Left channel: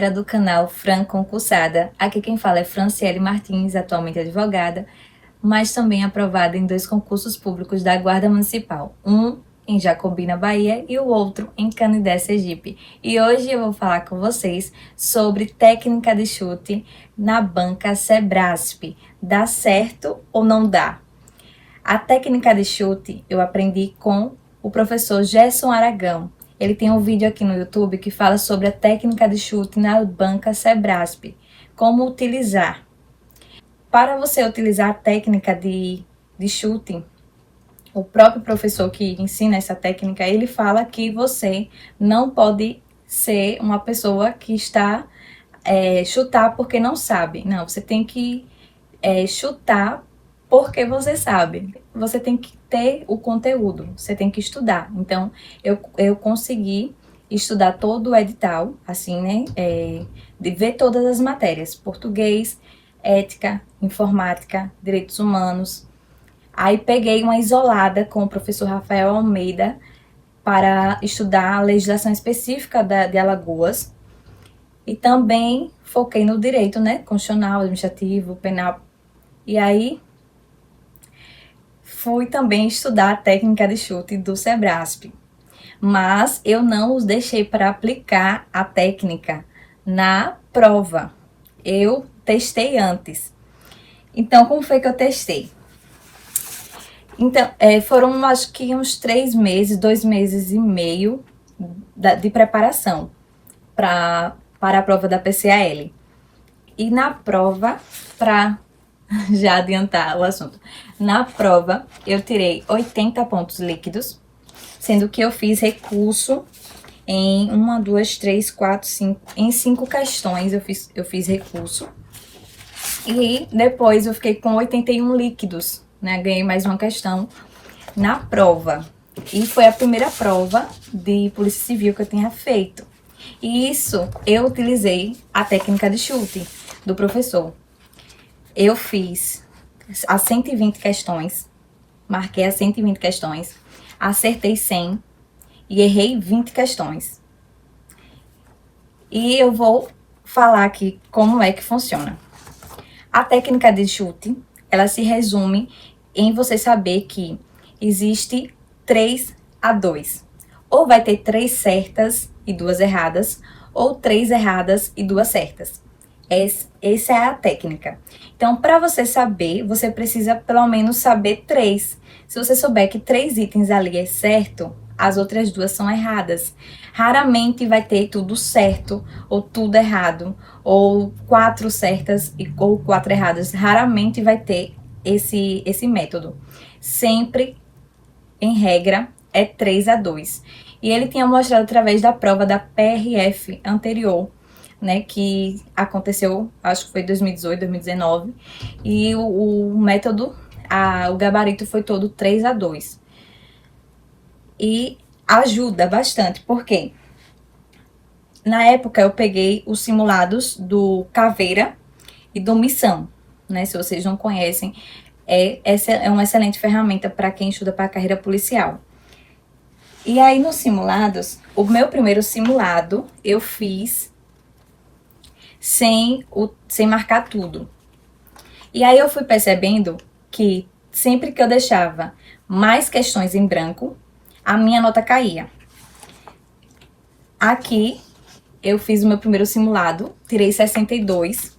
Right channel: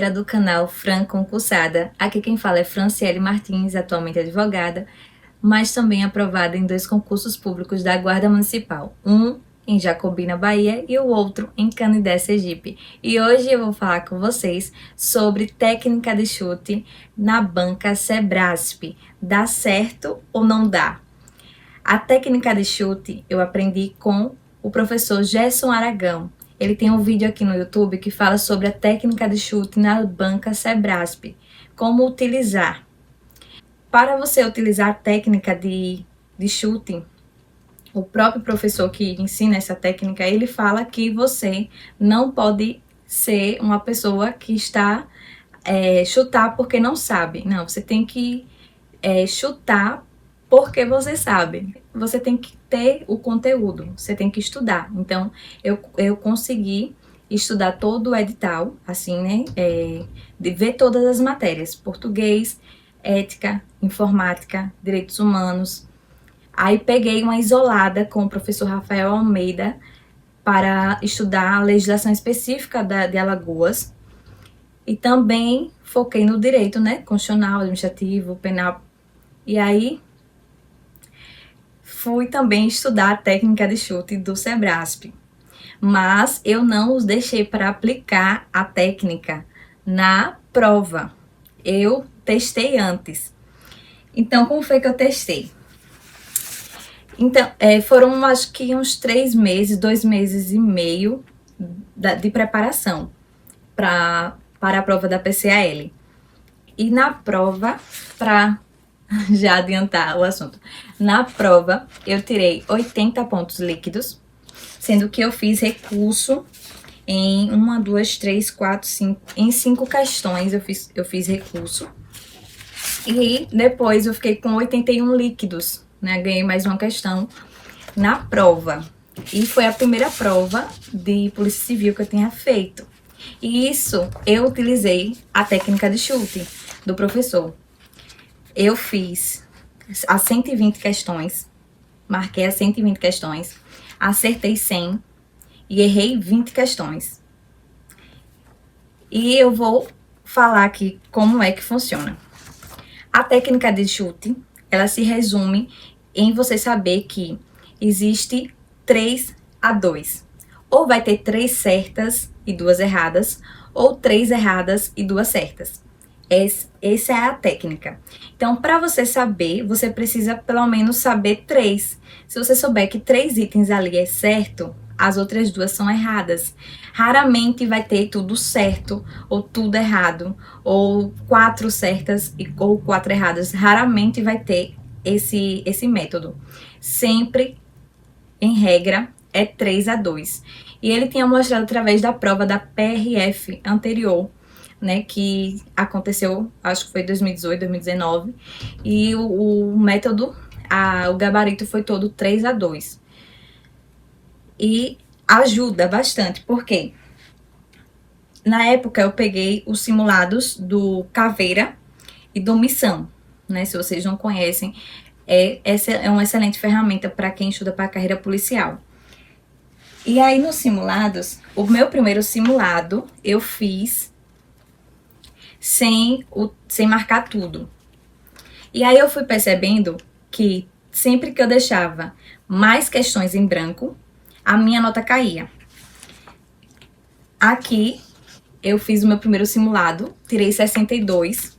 galera do canal Fran Concursada. Aqui quem fala é Franciele Martins, atualmente advogada, mas também aprovada em 2 concursos públicos da Guarda Municipal. Um em Jacobina, Bahia, e o outro em Canindé, Sergipe. E hoje eu vou falar com vocês sobre técnica de chute na banca Sebrasp. Dá certo ou não dá? A técnica de chute eu aprendi com o professor Gerson Aragão. Ele tem um vídeo aqui no YouTube que fala sobre a técnica de chute na banca Sebrasp, como utilizar. Para você utilizar a técnica de chute, o próprio professor que ensina essa técnica, ele fala que você não pode ser uma pessoa que está chutar porque não sabe. Não, você tem que chutar porque você sabe. Você tem que ter o conteúdo, você tem que estudar. Então, eu consegui estudar todo o edital, assim, né? De ver todas as matérias: português, ética, informática, direitos humanos. Aí peguei uma isolada com o professor Rafael Almeida para estudar a legislação específica de Alagoas. E também foquei no direito, né? Constitucional, administrativo, penal. E aí fui também estudar a técnica de chute do Sebrasp, mas eu não os deixei para aplicar a técnica na prova. Eu testei antes. Então, como foi que eu testei? Então, foram acho que uns 3 meses, 2 meses e meio de preparação para a prova da PCAL. E na prova, para já adiantar o assunto, na prova eu tirei 80 pontos líquidos, sendo que eu fiz recurso em 1, 2, 3, 4, 5, em 5 questões eu fiz recurso. E depois eu fiquei com 81 líquidos, né? Ganhei mais uma questão na prova. E foi a primeira prova de Polícia Civil que eu tinha feito. E isso eu utilizei a técnica de chute do professor. Eu fiz as 120 questões, marquei as 120 questões, acertei 100 e errei 20 questões. E eu vou falar aqui como é que funciona. A técnica de chute, ela se resume em você saber que existe 3-2. Ou vai ter 3 certas e 2 erradas, ou 3 erradas e 2 certas. Essa é a técnica. Então, para você saber, você precisa pelo menos saber 3. Se você souber que 3 itens ali é certo, as outras 2 são erradas. Raramente vai ter tudo certo ou tudo errado, ou 4 certas ou 4 erradas. Raramente vai ter esse método. Sempre, em regra, é 3-2. E ele tinha mostrado através da prova da PRF anterior, né, que aconteceu, acho que foi 2018, 2019, e o método, o gabarito foi todo 3-2. E ajuda bastante, porque na época eu peguei os simulados do Caveira e do Missão, né? Se vocês não conhecem, essa é uma excelente ferramenta para quem estuda para a carreira policial. E aí nos simulados, o meu primeiro simulado eu fiz sem marcar tudo. E aí eu fui percebendo que sempre que eu deixava mais questões em branco, a minha nota caía. Aqui eu fiz o meu primeiro simulado, tirei 62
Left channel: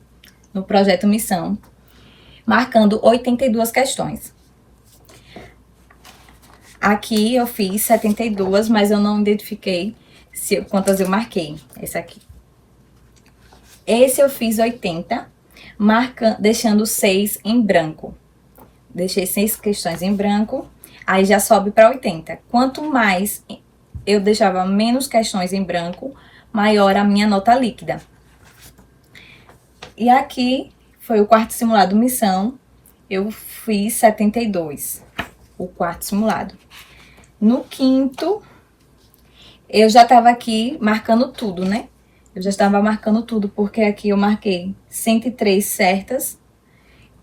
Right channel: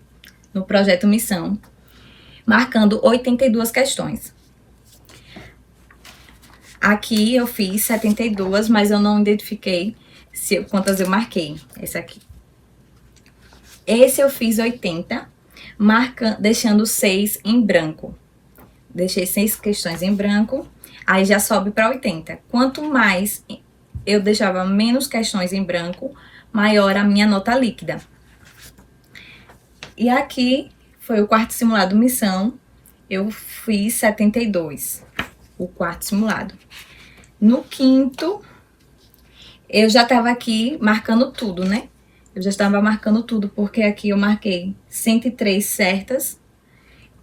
no projeto Missão, marcando 82 questões. Aqui eu fiz 72, mas eu não identifiquei quantas eu marquei. Esse aqui. Esse eu fiz 80, deixando 6 em branco. Deixei 6 questões em branco, aí já sobe para 80. Quanto mais eu deixava menos questões em branco, maior a minha nota líquida. E aqui foi o quarto simulado Missão, eu fiz 72, o quarto simulado. No quinto, eu já estava aqui marcando tudo, né? Eu já estava marcando tudo, porque aqui eu marquei 103 certas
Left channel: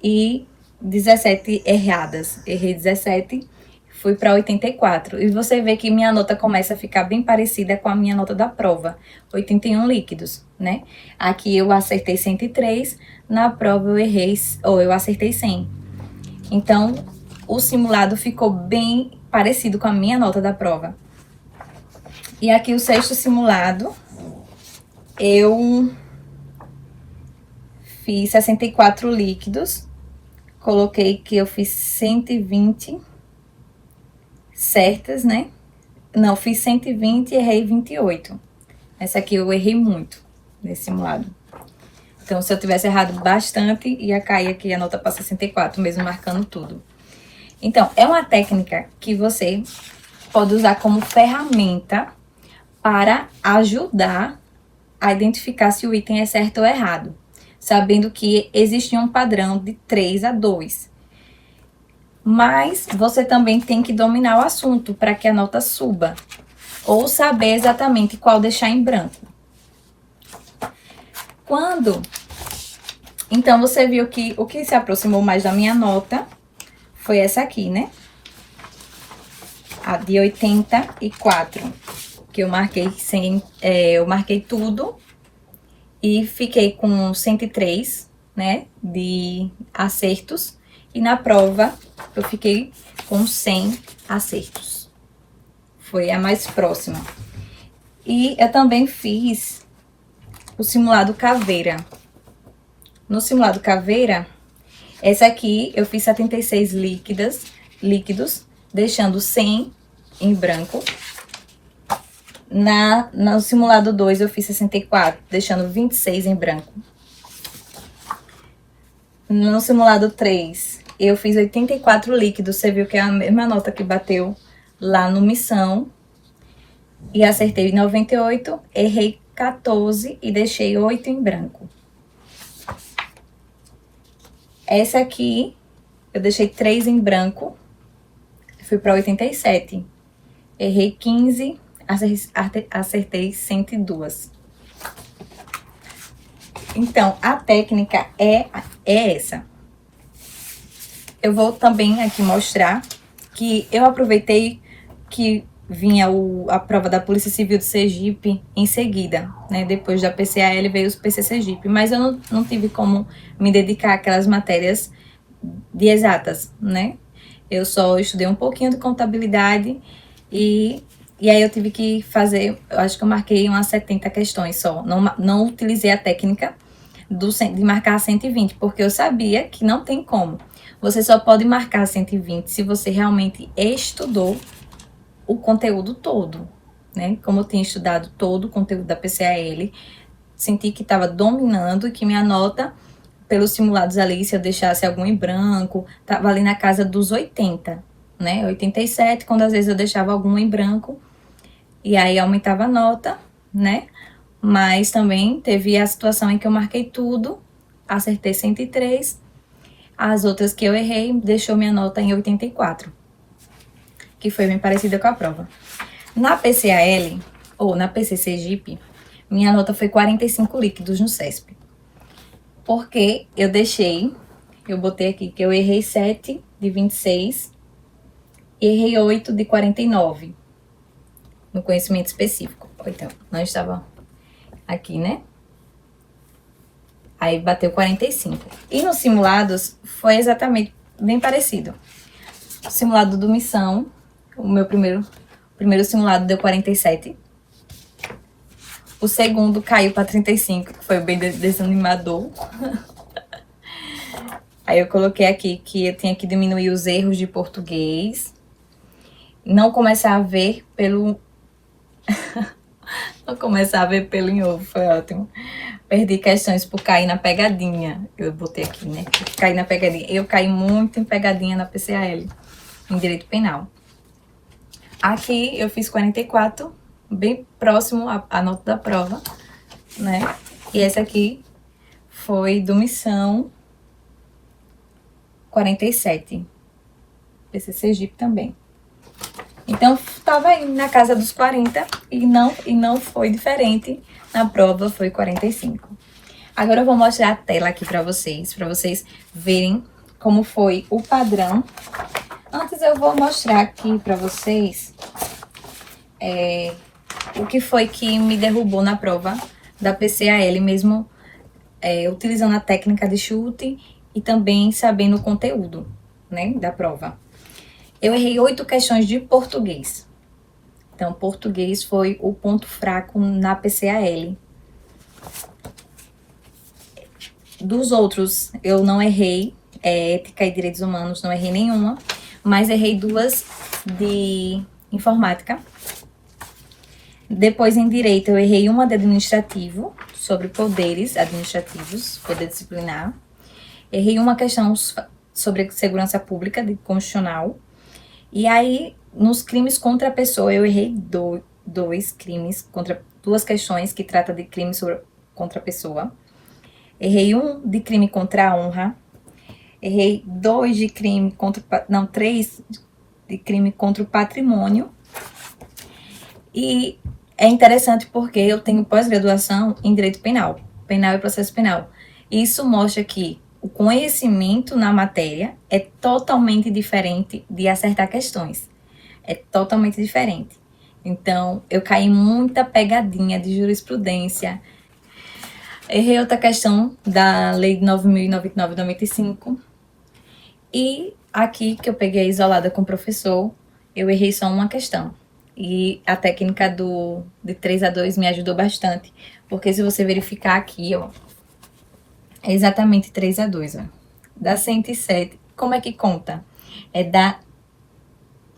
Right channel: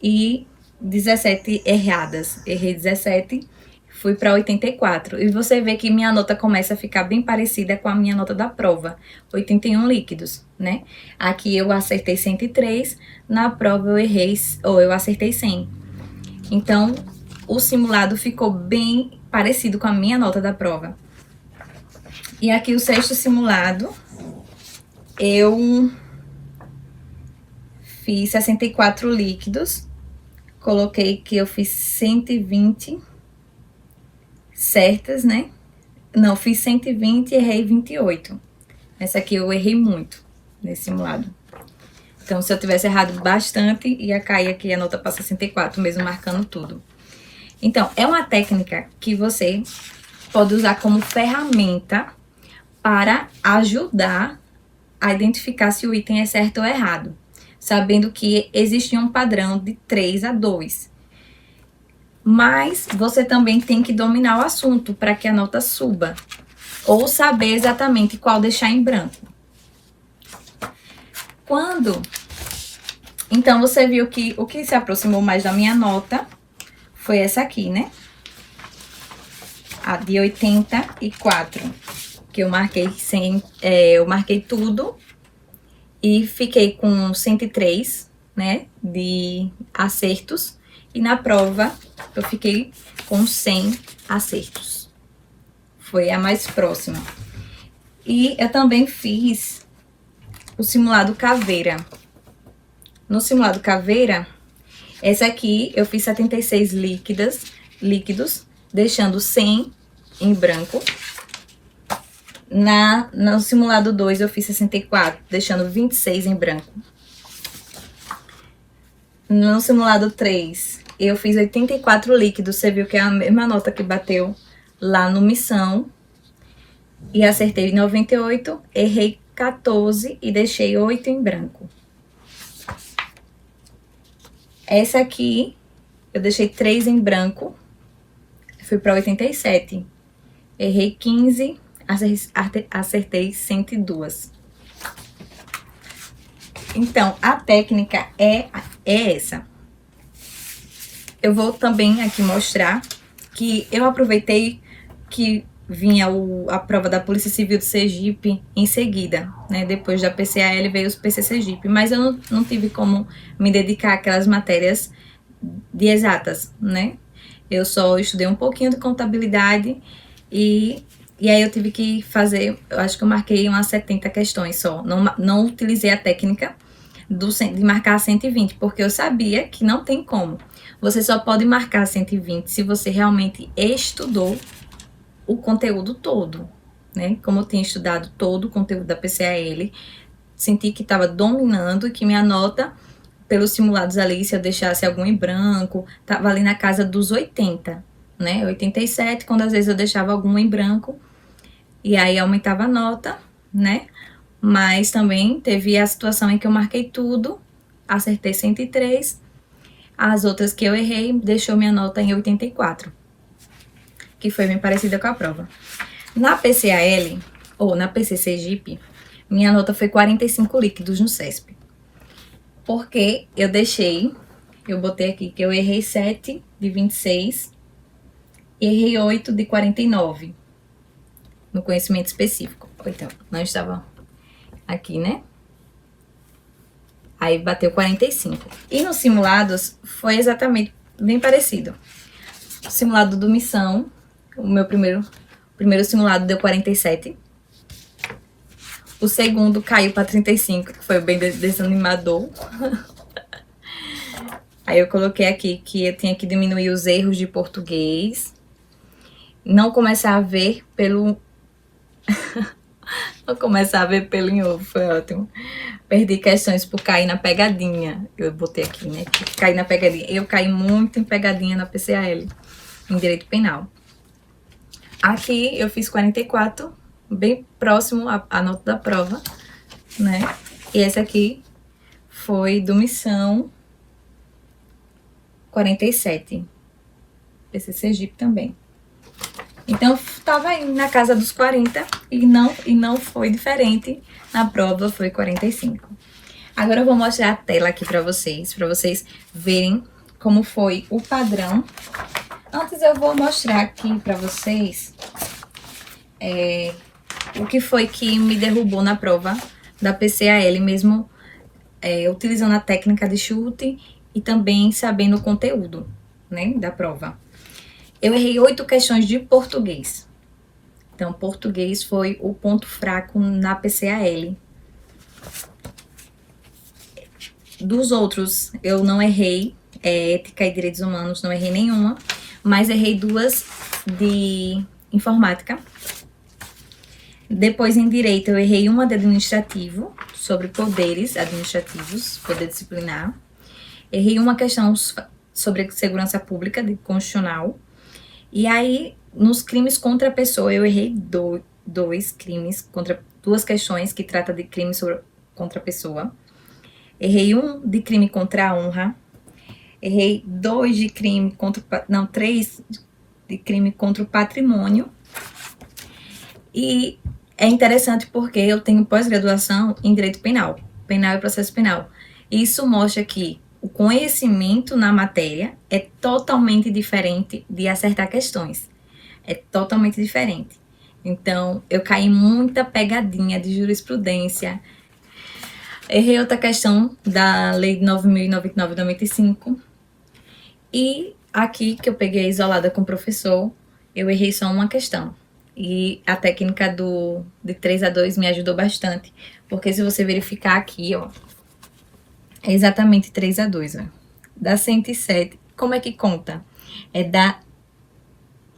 e 17 erradas. Errei 17, fui para 84. E você vê que minha nota começa a ficar bem parecida com a minha nota da prova. 81 líquidos, né? Aqui eu acertei 103, na prova eu errei, ou eu acertei 100. Então, o simulado ficou bem parecido com a minha nota da prova. E aqui o sexto simulado, eu fiz 64 líquidos, coloquei que eu fiz 120 certas, né? Não, fiz 120 e errei 28. Essa aqui eu errei muito nesse simulado. Então, se eu tivesse errado bastante, ia cair aqui a nota para 64, mesmo marcando tudo. Então, é uma técnica que você pode usar como ferramenta para ajudar a identificar se o item é certo ou errado, sabendo que existe um padrão de 3 a 2. Mas você também tem que dominar o assunto para que a nota suba, ou saber exatamente qual deixar em branco. Então, você viu que o que se aproximou mais da minha nota foi essa aqui, né? A de 84, que eu marquei eu marquei tudo e fiquei com 103, né, de acertos. E na prova eu fiquei com 100 acertos. Foi a mais próxima. E eu também fiz o simulado caveira. No simulado caveira, essa aqui eu fiz 76 líquidos, deixando 100 em branco. No simulado 2 eu fiz 64, deixando 26 em branco. No simulado 3, eu fiz 84 líquidos. Você viu que é a mesma nota que bateu lá no Missão. E acertei 98, errei 14 e deixei 8 em branco. Essa aqui, eu deixei 3 em branco. Fui para 87. Errei 15, acertei 102. Então, a técnica é essa. Eu vou também aqui mostrar que eu aproveitei que vinha a prova da Polícia Civil do Sergipe em seguida, né? Depois da PCAL veio os PC Sergipe, mas eu não tive como me dedicar àquelas matérias de exatas, né? Eu só estudei um pouquinho de contabilidade e aí eu tive que fazer, eu acho que eu marquei umas 70 questões só. Não utilizei a técnica de marcar 120, porque eu sabia que não tem como. Você só pode marcar 120 se você realmente estudou o conteúdo todo, né? Como eu tinha estudado todo o conteúdo da PCAL, senti que estava dominando e que minha nota, pelos simulados ali, se eu deixasse algum em branco, estava ali na casa dos 80, né? 87, quando às vezes eu deixava algum em branco, e aí aumentava a nota, né? Mas também teve a situação em que eu marquei tudo, acertei 103, as outras que eu errei deixou minha nota em 84, que foi bem parecida com a prova. Na PCAL, ou na PC Sergipe, minha nota foi 45 líquidos no CESP. Porque eu botei aqui que eu errei 7 de 26 e errei 8 de 49 no conhecimento específico. Então, não estava aqui, né? Aí bateu 45. E nos simulados foi exatamente bem parecido. O simulado do Missão, o meu primeiro simulado deu 47. O segundo caiu para 35, que foi bem desanimador. Aí eu coloquei aqui que eu tinha que diminuir os erros de português. Não começar a ver pelo... Não começar a ver pelo em ovo, foi ótimo. Perdi questões por cair na pegadinha. Eu botei aqui, né? Caí na pegadinha. Eu caí muito em pegadinha na PCAL, em Direito Penal. Aqui eu fiz 44, bem próximo à nota da prova, né? E essa aqui foi do Missão 47. Esse Sergipe também. Então, tava aí na casa dos 40 e não foi diferente. Na prova foi 45. Agora eu vou mostrar a tela aqui para vocês verem como foi o padrão Antes eu vou mostrar aqui para vocês o que foi que me derrubou na prova da PCAL, mesmo utilizando a técnica de chute e também sabendo o conteúdo, né, da prova. Eu errei 8 questões de português. Então, português foi o ponto fraco na PCAL. Dos outros, eu não errei, ética e direitos humanos, não errei nenhuma, mas errei 2 de informática. Depois, em direito, eu errei uma de administrativo, sobre poderes administrativos, poder disciplinar. Errei uma questão sobre segurança pública, de constitucional. E aí, nos crimes contra a pessoa, eu errei 2 crimes, contra 2 questões que tratam de crimes contra a pessoa. Errei 1 de crime contra a honra. Errei 2 de crime contra... Não, 3 de crime contra o patrimônio. E é interessante porque eu tenho pós-graduação em Direito Penal, Penal e Processo Penal. Isso mostra que o conhecimento na matéria é totalmente diferente de acertar questões. É totalmente diferente. Então, eu caí em muita pegadinha de jurisprudência. Errei outra questão da Lei 9.099/95. E aqui, que eu peguei isolada com o professor, eu errei só uma questão. E a técnica de 3-2 me ajudou bastante. Porque se você verificar aqui, ó, é exatamente 3-2, ó. Dá 107. Como é que conta? É da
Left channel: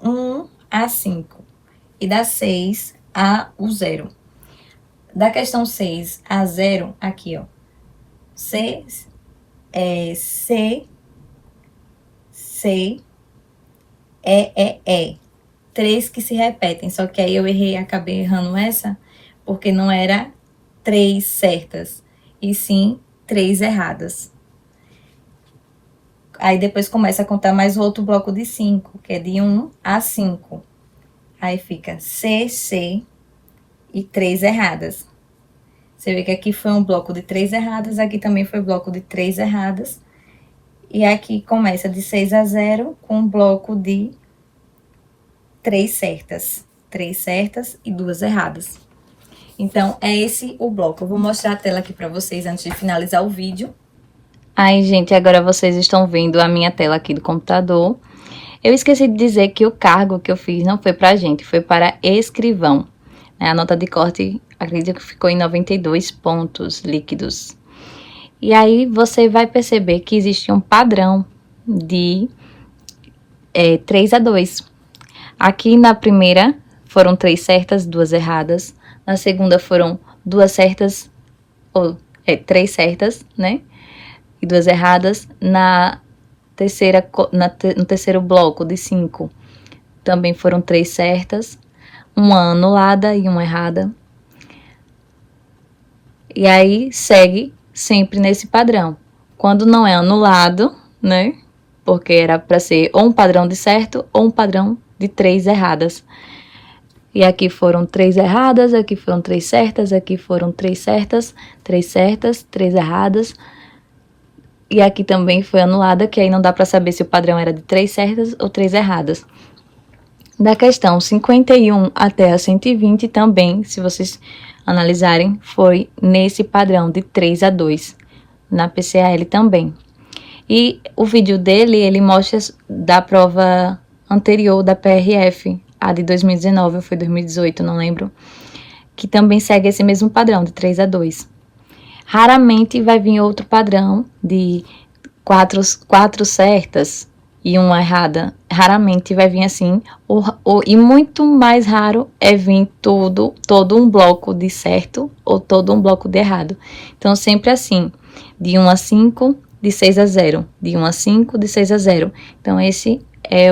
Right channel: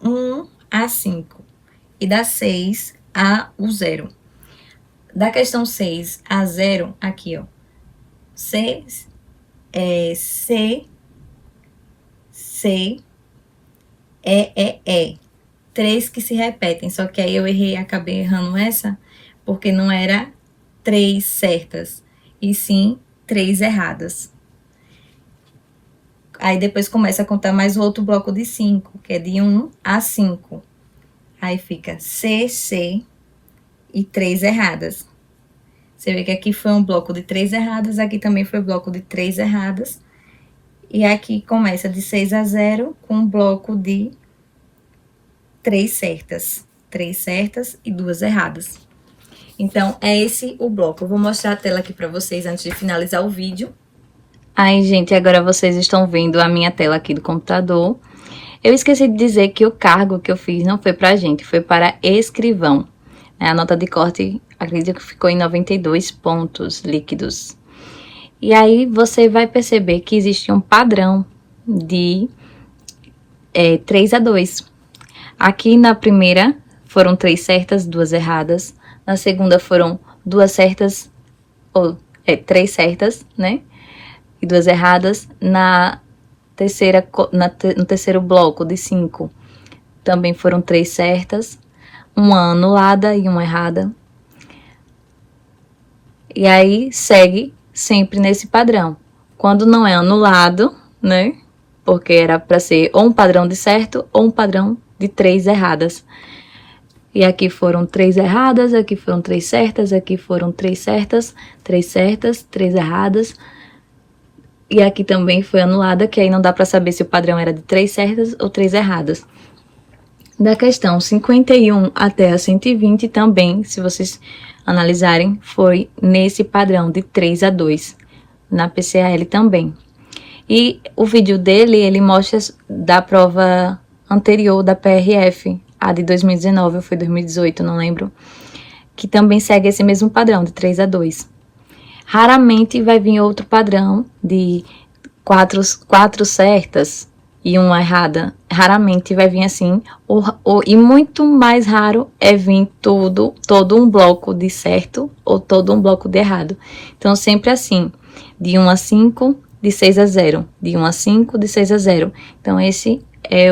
1 a 5. E da 6 a o 0. Da questão 6 a 0, aqui, ó. C, E. 3 que se repetem, só que aí eu errei, acabei errando essa, porque não era 3 certas, e sim 3 erradas. Aí depois começa a contar mais outro bloco de 5, que é de 1 a 5. Aí fica C e 3 erradas. Você vê que aqui foi um bloco de 3 erradas, aqui também foi bloco de 3 erradas. E aqui começa de 6 a 0 com um bloco de 3 certas. 3 certas e 2 erradas. Então, é esse o bloco. Eu vou mostrar a tela aqui para vocês antes de finalizar o vídeo. Aí, gente, agora vocês estão vendo a minha tela aqui do computador. Eu esqueci de dizer que o cargo que eu fiz não foi pra gente, foi para escrivão. A nota de corte, acredito que ficou em 92 pontos líquidos. E aí, você vai perceber que existe um padrão de 3-2. Aqui na primeira foram 3 certas, 2 erradas. Na segunda foram 2 certas, 3 certas, né? E 2 erradas. No terceiro bloco de 5, também foram 3 certas, uma anulada e uma errada. E aí, segue sempre nesse padrão. Quando não é anulado, né? Porque era para ser ou um padrão de certo ou um padrão de 3 erradas. E aqui foram 3 erradas, aqui foram 3 certas, aqui foram 3 certas, 3 erradas. E aqui também foi anulada, que aí não dá para saber se o padrão era de 3 certas ou 3 erradas. Da questão 51 até a 120 também, se vocês analisarem, foi nesse padrão de 3-2, na PCAL também. E o vídeo dele, ele mostra da prova anterior da PRF, a de 2019 ou foi 2018, não lembro, que também segue esse mesmo padrão de 3-2. Raramente vai vir outro padrão de 4 certas e uma errada. Raramente vai vir assim. E muito mais raro é vir todo um bloco de certo ou todo um bloco de errado. Então, sempre assim, de 1 a 5, de 6 a 0. De 1 a 5, de 6 a 0. Então, esse é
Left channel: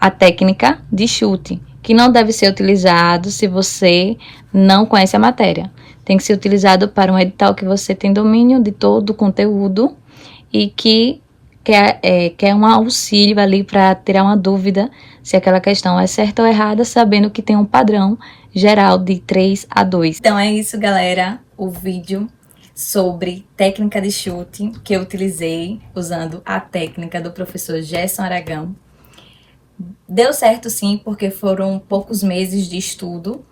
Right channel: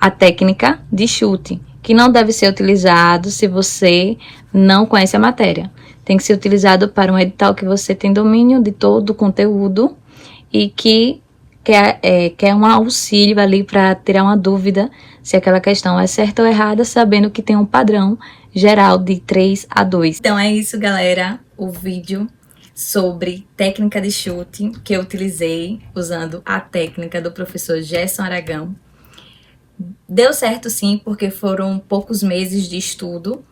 a técnica de chute, que não deve ser utilizado se você não conhece a matéria. Tem que ser utilizado para um edital que você tem domínio de todo o conteúdo e que quer um auxílio ali para tirar uma dúvida se aquela questão é certa ou errada, sabendo que tem um padrão geral de 3-2. Então é isso, galera, o vídeo sobre técnica de chute que eu utilizei usando a técnica do professor Gerson Aragão. Deu certo sim, porque foram poucos meses de estudo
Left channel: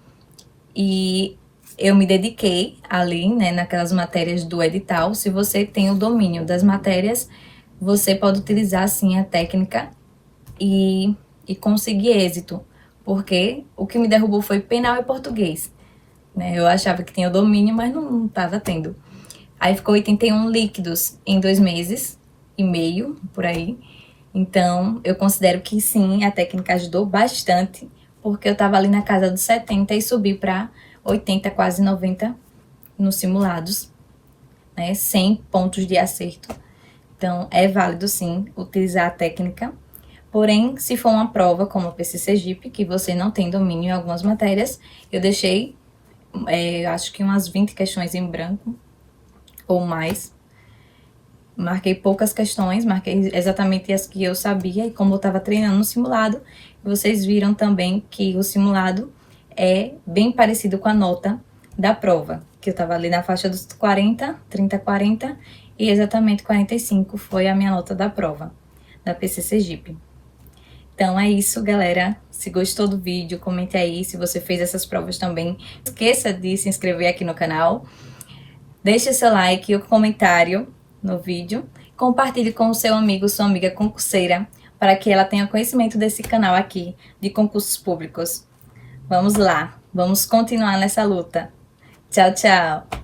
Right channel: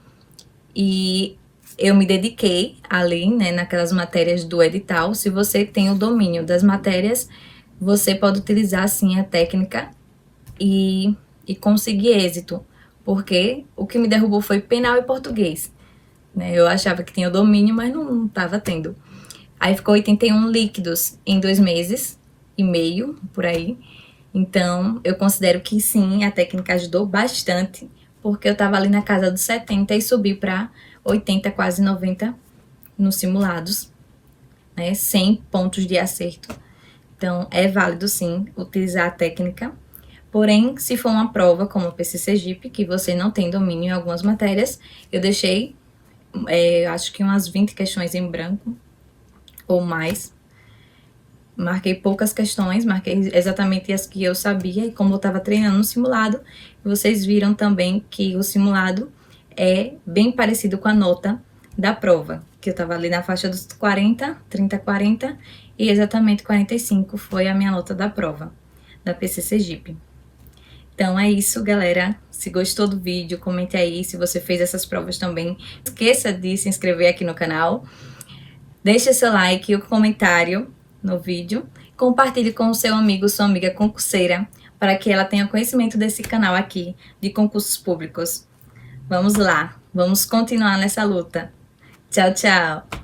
e eu me dediquei ali, né, naquelas matérias do edital. Se você tem o domínio das matérias, você pode utilizar sim a técnica e conseguir êxito, porque o que me derrubou foi penal e português, né? Eu achava que tinha o domínio, mas não estava tendo. Aí ficou 81 líquidos em 2 meses e meio, por aí. Então, eu considero que sim, a técnica ajudou bastante, porque eu estava ali na casa dos 70 e subi para 80, quase 90 nos simulados, né? 100 pontos de acerto. Então, é válido sim utilizar a técnica. Porém, se for uma prova como a PC Sergipe, que você não tem domínio em algumas matérias, eu deixei, acho que umas 20 questões em branco ou mais. Marquei poucas questões, marquei exatamente as que eu sabia, e como eu estava treinando no simulado, vocês viram também que o simulado é bem parecido com a nota da prova, que eu estava ali na faixa dos 40, 30, 40, e exatamente 45 foi a minha nota da prova, da PC Sergipe. Então é isso, galera. Se gostou do vídeo, comente aí se você fez essas provas também. Não esqueça de se inscrever aqui no canal. Deixe seu like e o comentário no vídeo. Compartilhe com o seu amigo, sua amiga concurseira, para que ela tenha conhecimento desse canal aqui de concursos públicos. Vamos lá, vamos continuar nessa luta. Tchau, tchau!